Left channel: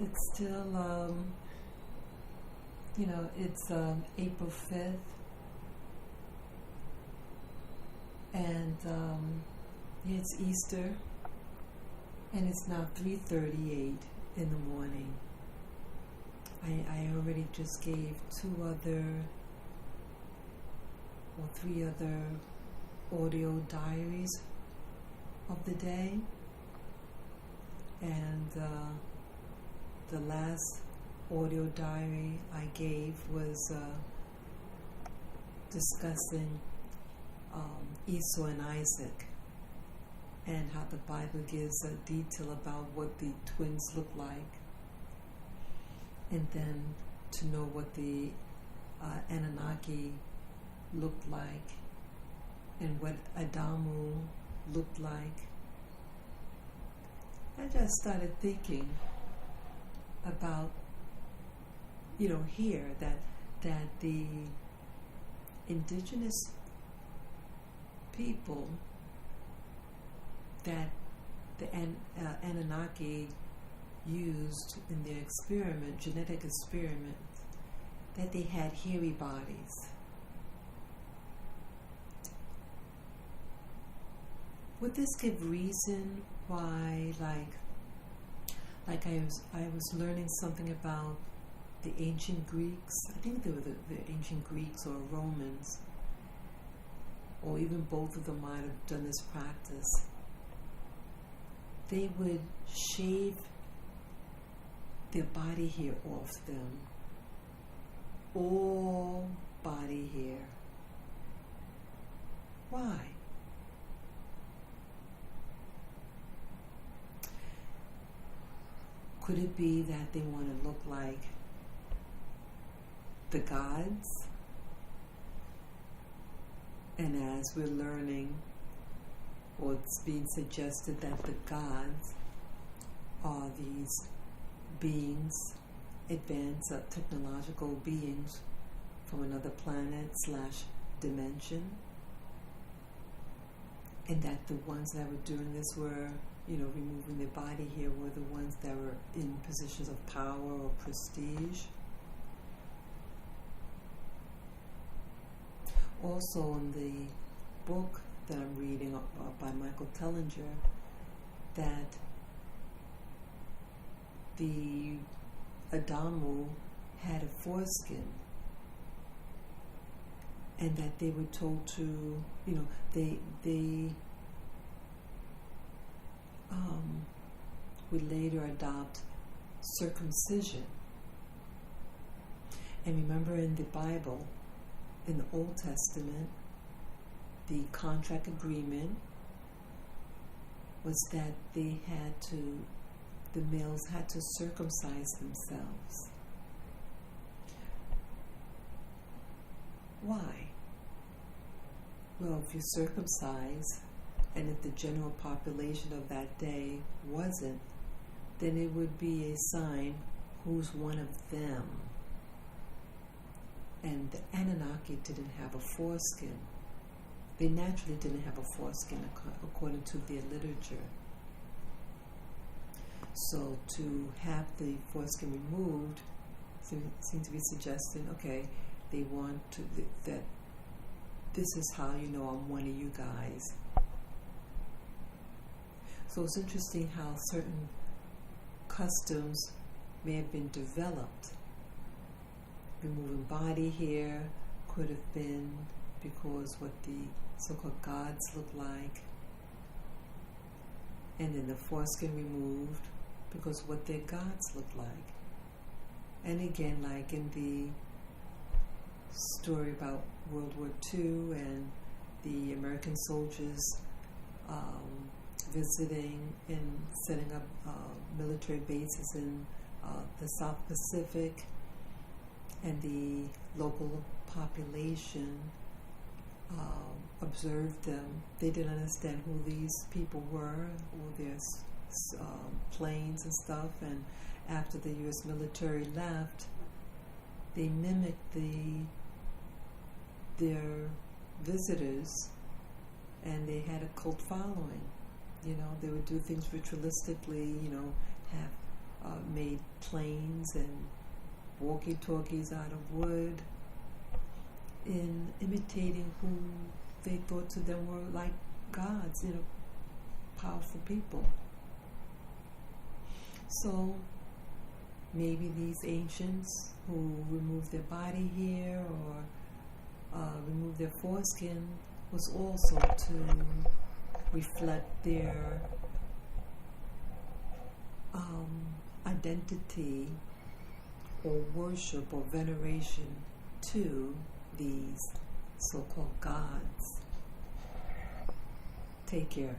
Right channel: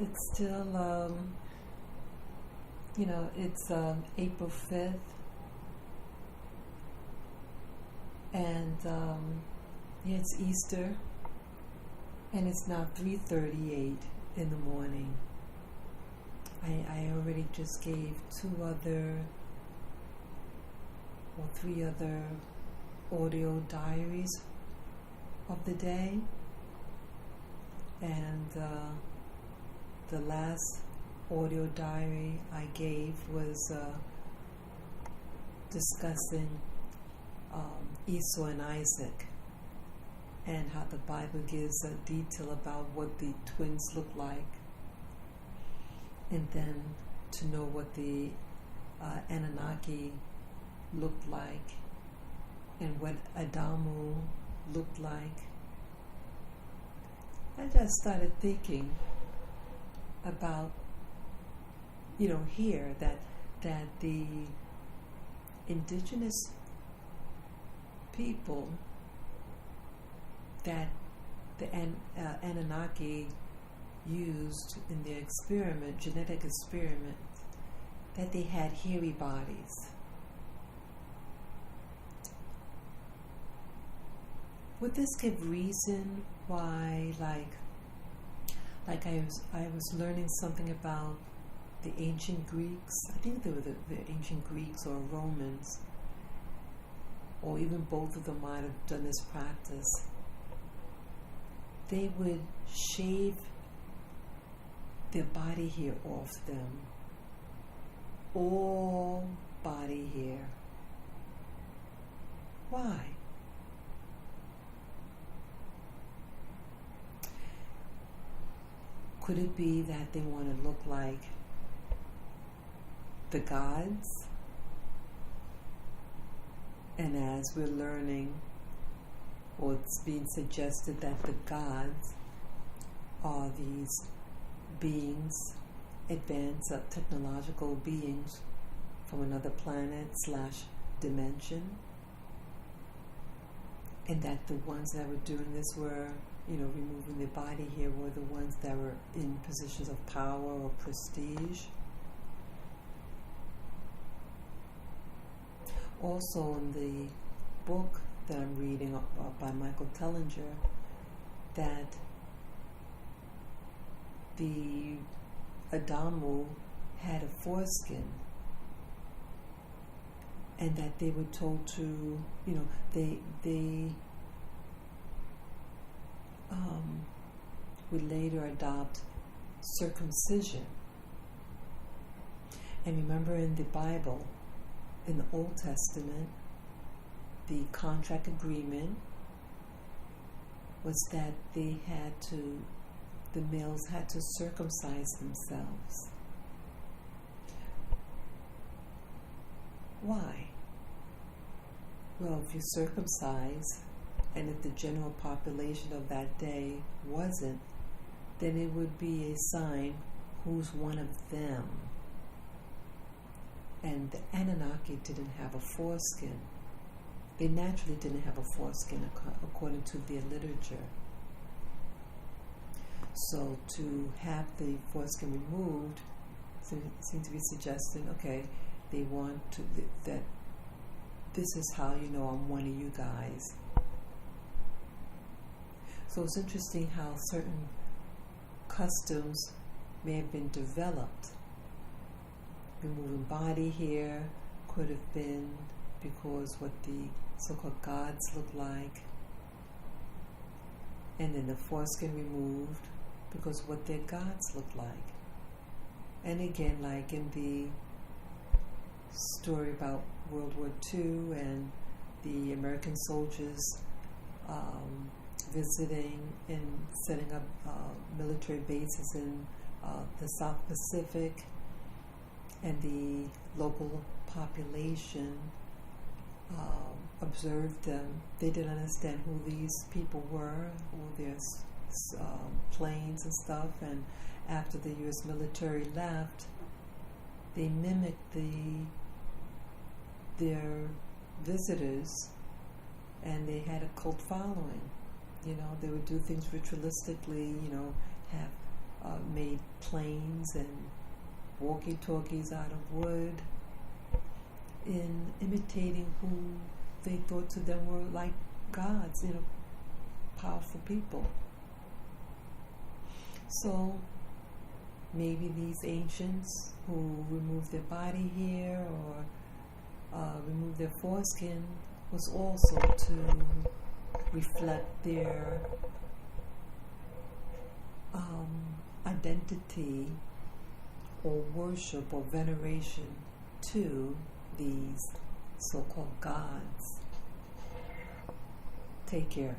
it's still, it's April 5th, and it's Easter, and it's now 3:38 in the morning. I already just gave three other audio diaries of the day, and the last audio diary I gave was discussing Esau and Isaac, and how the Bible gives a detail about what the twins look like, and then to know what the Anunnaki looked like, and what Adamu looked like. I just started thinking about, here that the indigenous people that the Anunnaki used in their genetic experiment, that they had hairy bodies. Would this give reason why, like I was learning something about the ancient Greeks? I think they were the ancient Greeks or Romans, or even both of them might have done this practice. They would shave their body hair off them, all body hair. Why? Could it be that they want to look like the gods? And as we're learning, or it's being suggested that the gods are these beings, advanced technological beings from another planet / dimension, and that the ones that were doing this were, removing their body hair, were the ones that were in positions of power or prestige. Also, in the book that I'm reading by Michael Tellinger, that the Adamu had a foreskin, and that they were told to, they would later adopt circumcision. And remember, in the Bible, in the Old Testament, the contract agreement was that the males had to circumcise themselves. Why? Well, if you circumcise, and if the general population of that day wasn't, then it would be a sign who's one of them. And the Anunnaki didn't have a foreskin. They naturally didn't have a foreskin according to their literature. So to have the foreskin removed seems to be suggesting, okay, they want to, that this is how you know I'm one of you guys. So it's interesting how certain customs may have been developed. Removing body hair could have been because what the so-called gods look like, and then the foreskin removed because what their gods look like. And again, like in the story about World War II and the American soldiers visiting and setting up military bases in the South Pacific, and the local population observed them. They didn't understand who these people were, or their planes and stuff, and after the U.S. military left, they mimicked their visitors, and they had a cult following. They would do things ritualistically, have made planes and walkie-talkies out of wood, in imitating who they thought to them were like gods, powerful people. So maybe these ancients who removed their body hair or removed their foreskin was also to reflect their identity or worship or veneration to these so-called gods. Take care.